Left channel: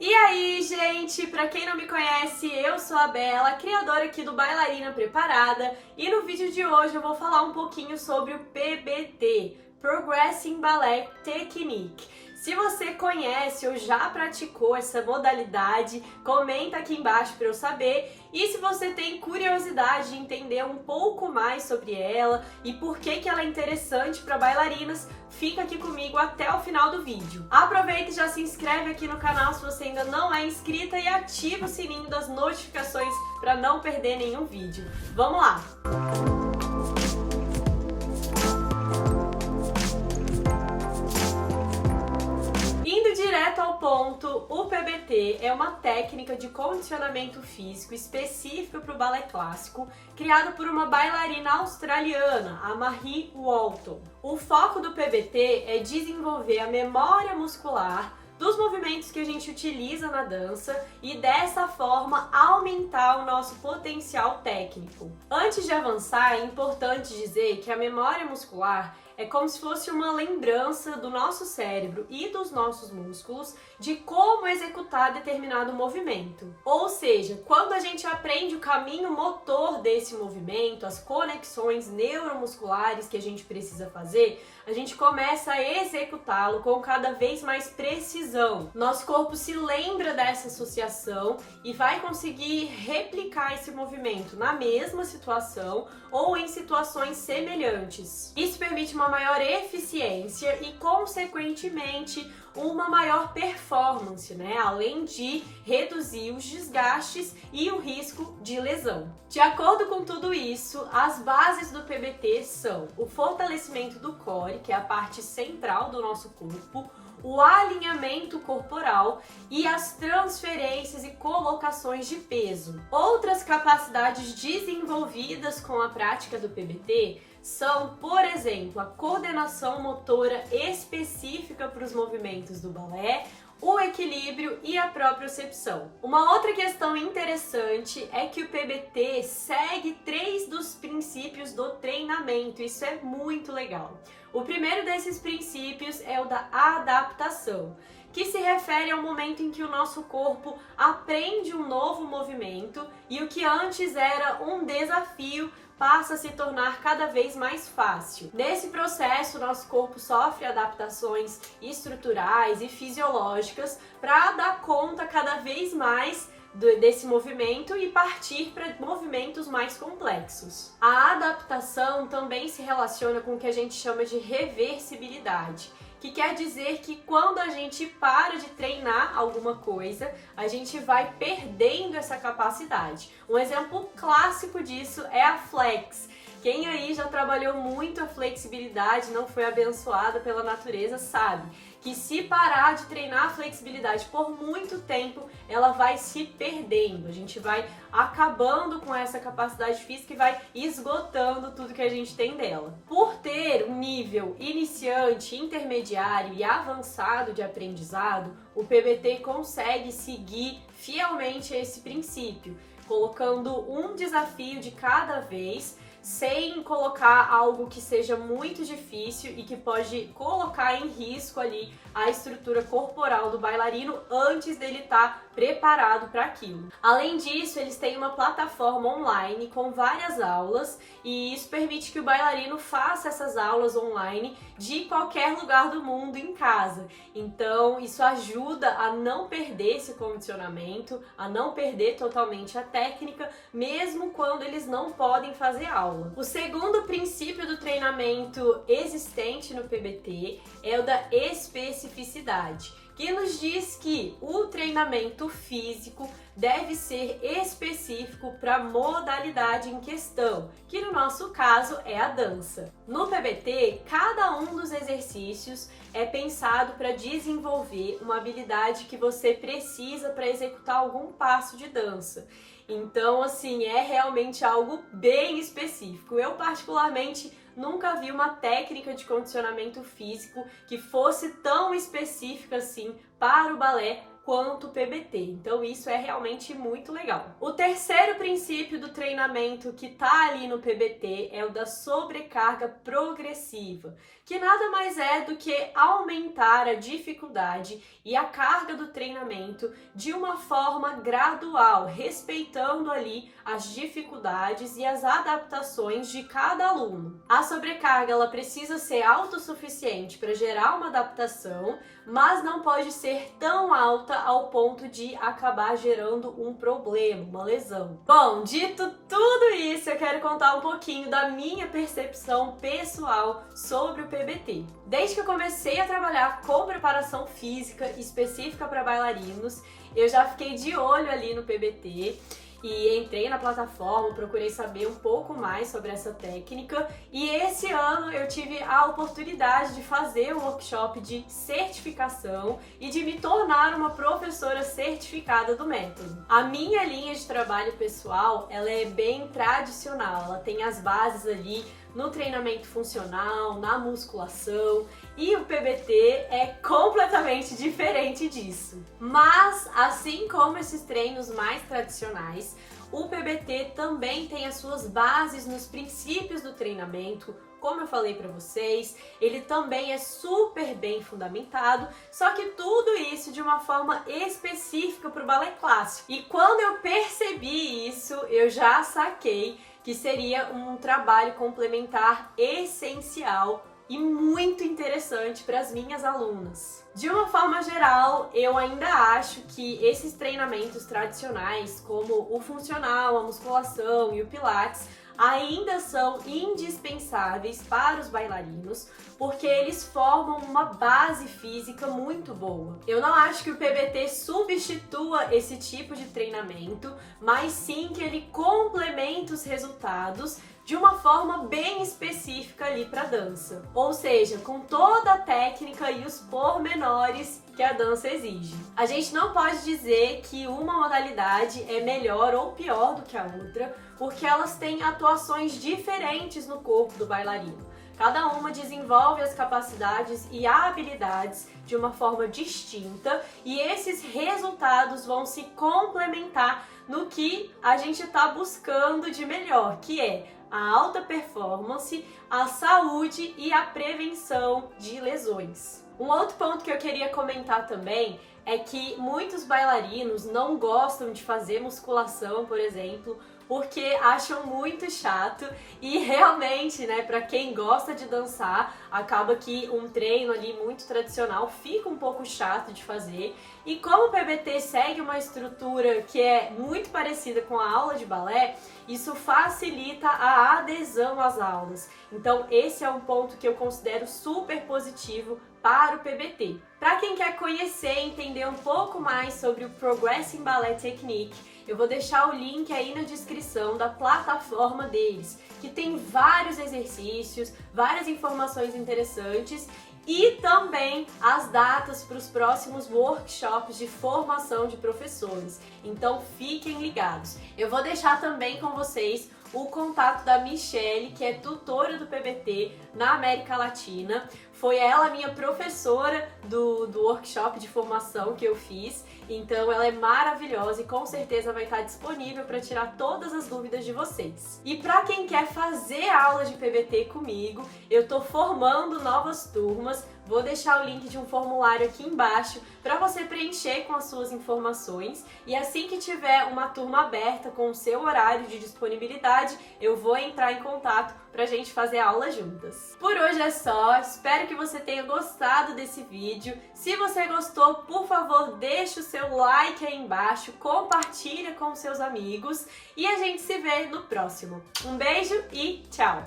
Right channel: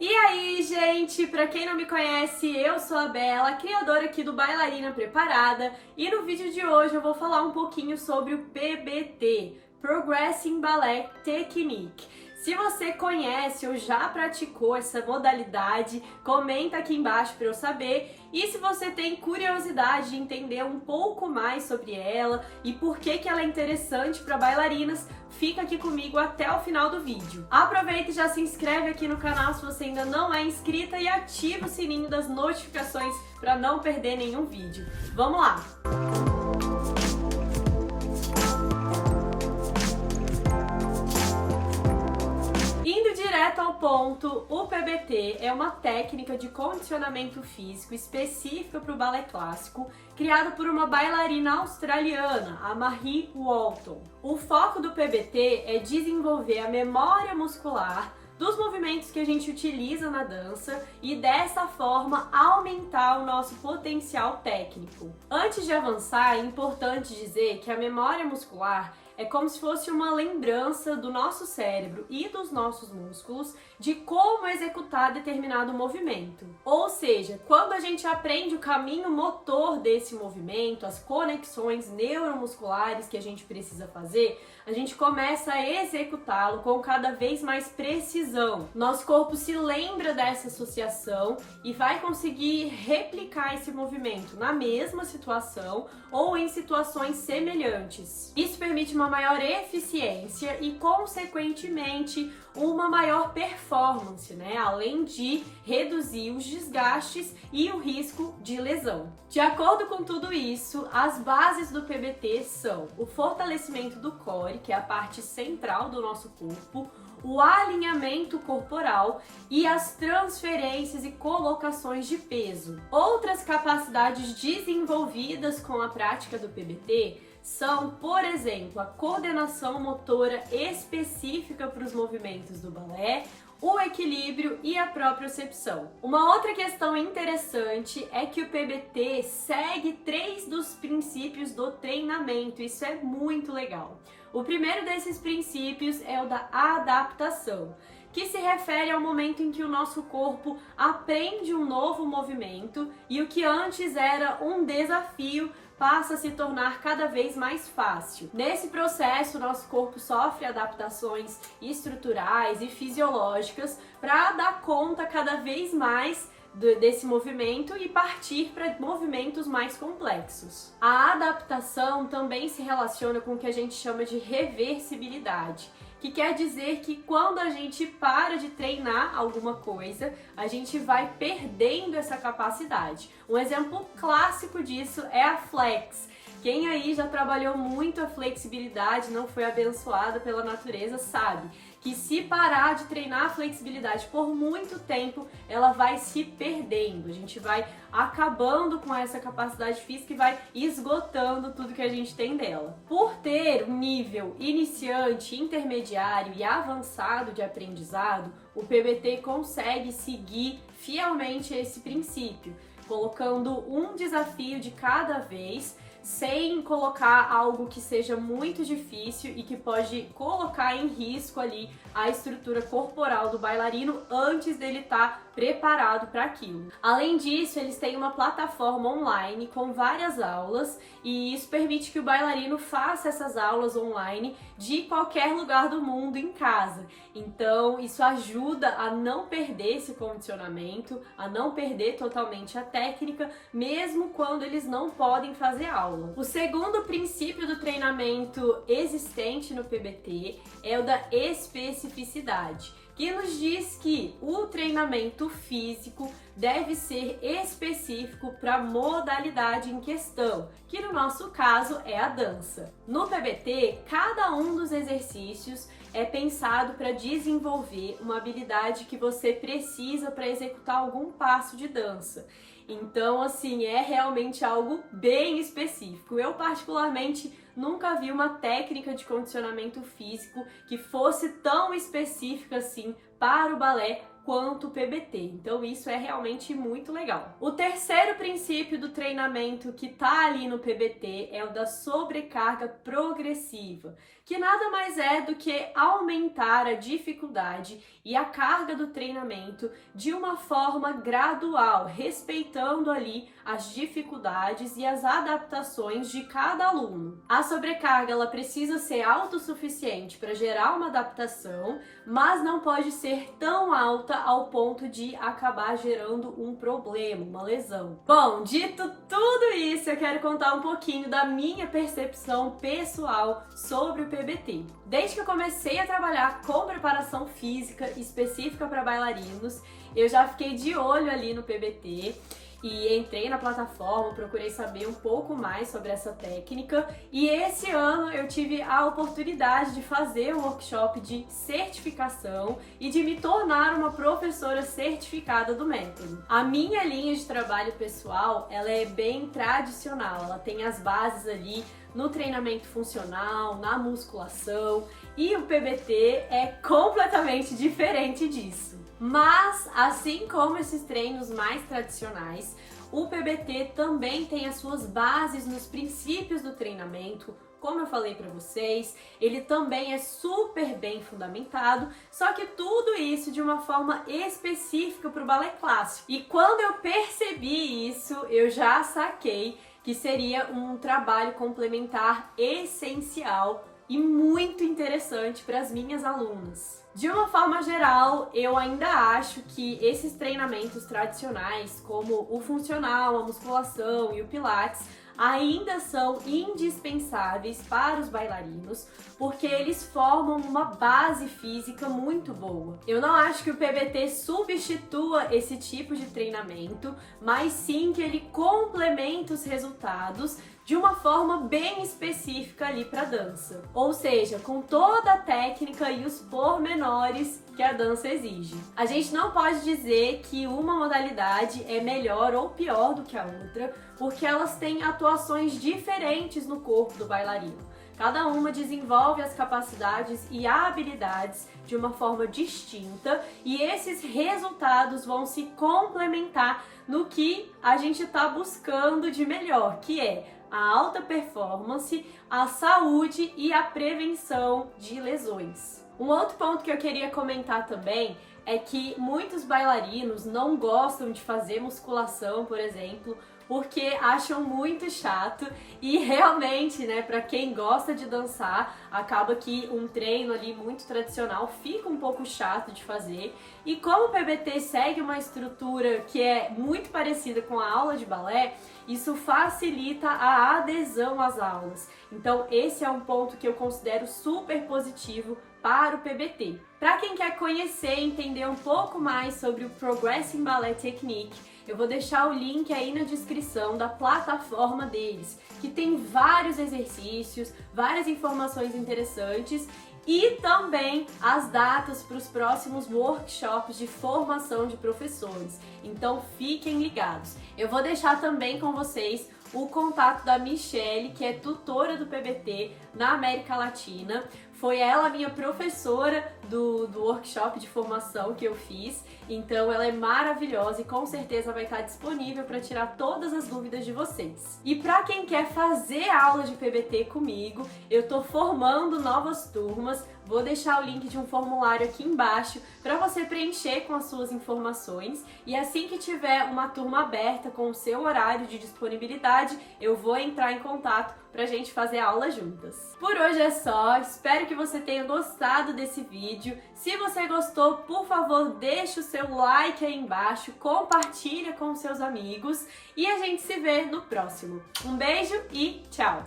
E aí, gente, pra quem não me conhece, eu sou a Bela, criadora aqui do Bailarina Preparada, e no vídeo de hoje eu vou falar um pouquinho sobre o PBT, Progressing Ballet Technique. Se você conhece ou já praticou essa modalidade, comenta aqui embaixo para eu saber. E se você tem curiosidade de entender um pouco mais sobre ela e por que ela é interessante para bailarinas, fica aqui comigo até o final do vídeo. Aproveita e já se inscreve aqui no canal se você ainda não é inscrita e ativa o sininho das notificações para não perder nenhum vídeo. Vamos lá! Direto ao ponto, o PBT é uma técnica de condicionamento físico específica para o balé clássico, criado por uma bailarina australiana, a Marie Walton. O foco do PBT é desenvolver a memória muscular dos movimentos que a gente utiliza na dança e dessa forma aumentar o nosso potencial técnico. Antes de avançar, é importante dizer que a memória muscular é como se fosse uma lembrança do nosso cérebro e dos nossos músculos de como executar determinado movimento. Ou seja, quando a gente aprende o caminho motor desse movimento, as conexões neuromusculares que a gente precisa fazer, a gente começa a executá-lo com cada vez mais precisão. Nosso corpo se lembra dessa associação e vai conseguir replicar esse movimento na mesma situação ou em situações semelhantes. Isso permite uma maior eficiência e, consequentemente, uma maior performance, né? Além de reduzir os desgastes e o risco de lesão. De acordo com tudo isso, as bases do PBT são o fortalecimento do core, que é a parte central do nosso corpo, o alinhamento corporal e as transferências e colocações de peso. Outras capacidades desenvolvidas com a prática do PBT são, por exemplo, a coordenação motora específica para os movimentos do balé, o equilíbrio e a propriocepção. Uma outra questão interessante é que o PBT segue 3 dos princípios do treinamento, isso é muito legal. O primeiro desses princípios é o da adaptação, que se refere ao momento em que o nosso corpo aprende um novo movimento e o que antes era um desafio passa a se tornar cada vez mais fácil. Nesse processo, nosso corpo sofre adaptações estruturais e fisiológicas para dar conta cada vez mais desse movimento e partir para movimentos mais complexos. A adaptação também se relaciona com o que a gente chama de reversibilidade, que quer dizer que quando a gente para de treinar alguma coisa, a gente vai perdendo essa capacidade. Um exemplo clássico disso é a flex. Quem aí já trabalhou muito a flexibilidade, não foi abençoada pela natureza, sabe que se parar de treinar a flexibilidade por muito tempo, ela vai se perdendo. A gente vai acabando com essa capacidade física e vai esgotando tudo que a gente tem dela. Por ter um nível iniciante, intermediário e avançado de aprendizado, o PBT consegue seguir fielmente esse princípio, colocando um desafio de cada vez, sem colocar algo que seja muito difícil e que pode colocar em risco ali a estrutura corporal do bailarino antes dele estar preparado para aquilo. Além disso, eles têm uma plataforma online com várias aulas e isso permite que o bailarino faça essas aulas online de qualquer lugar do mundo em casa. Então, isso ajuda a não perder esse condicionamento, a não perder totalmente a técnica, mesmo quando eles não podem fazer aula. O segundo princípio do treinamento existente no PBT é o da especificidade, que nos diz que o treinamento físico deve ser específico para a modalidade em questão, que no nosso caso é a dança. No PBT, cada um dos exercícios é pensado para desenvolver uma habilidade que você precisa para executar algum passo de dança. Então, assim, é realmente algo bem específico. Eu, particularmente, nunca vi uma técnica de condicionamento físico que fosse tão específica assim para o balé quanto o PBT. Então isso é realmente muito legal. O terceiro princípio do treinamento que tá ali no PBT é o da sobrecarga progressiva, que nada mais é do que aumentar a dificuldade e a carga do treinamento de uma forma gradual, respeitando ali as dificuldades e as adaptações de cada aluno. A sobrecarga ela precisa ser autossuficiente para gerar uma adaptação, mas não pode ser tão alta ao ponto de acabar gerando um problema, uma lesão. Bom, dito tudo isso, eu quero contar um pouquinho da minha percepção pessoal sobre o PBT. Desde que eu comecei a trabalhar com preparação física específica para bailarinos, eu já fiquei de olho ali no PBT e entrei na plataforma, procurei saber um pouco mais sobre essa técnica, e esse ano eu tive a oportunidade de fazer um workshop de certificação e de me tornar uma professora certificada do método. A minha linha de trabalho pessoal, ela é bem tradicional, ela tem as bases ali no treinamento funcional, na musculação, e o PBT é completamente diferente disso. Mas, assim como esses treinos mais tradicionais, o PBT também tem as suas bases nos princípios do treinamento. Como eu falei para vocês, ele também é super bem fundamentado, só que tudo isso de uma forma específica para o balé clássico. E quando eu percebi isso, eu já saquei que seria um trabalho complementar essencial e muito interessante para as minhas alunas. De uma forma geral, eu ainda acho que esses treinamentos tradicionais, como o funcional, a musculação e o pilates, ainda são indispensáveis para os bailarinos, porque eles formam uma base física muito boa. Eu não acho que o PBT substitua esse tipo de treinamento, mas sim que ele complementa os resultados de uma forma bem específica ali para a dança. Ou seja, com toda a técnica e os pormenores que a dança exige. A gente não pode dizer que uma modalidade é melhor ou pior do que a outra, porque elas têm atuações diferentes no corpo do bailarino. Cada uma desenvolve as capacidades e habilidades de uma forma distinta, e esses resultados vão se complementar no que a gente está buscando de melhor, que é a alta performance, a saúde e a prevenção de lesões. Um outro ponto que eu queria comentar também é que muitos bailarinos não gostam de fazer musculação, por exemplo, porque acham muito chato, e realmente, né, para quem gosta de dançar, acaba que um treino ali muito tradicional fica um pouco chato de fazer. E como o PBT segue uma estrutura que é muito parecida com a aula de balé, isso facilita a adesão às aulas. Então esse é um ponto que eu considero super positivo para o PBT. Para quem quer conhecer e entender um pouco mais sobre o Progressing Ballet Technique, eu vou deixar o link aí na descrição da plataforma deles, que tem vários exercícios, várias informações interessantes e também as datas para os próximos workshops de formação de professores. Então fiquem ligados. Eu vou deixar também com vocês o contato da Michelle, que é tutora do PBT na América Latina. Foi ela minha professora do workshop de formação que eu fiz, então ela é maravilhosa e com certeza vai estar disponível para tirar todas as dúvidas de vocês. E para quem quer fazer aula de PBT comigo, eu estou formando novas turmas, vou deixar o link de um formulário aqui embaixo para você preencher com as suas informações, e assim que tiver uma turma aberta com o seu horário de disponibilidade, eu vou entrar em contato pra gente fazer a aula juntas. Por hoje é só, espero que você tenha gostado desse vídeo. Se você gostou, por favor, deixa o seu like aí embaixo, compartilha com seus amigos e a gente se vê no próximo. Um beijo e tchau!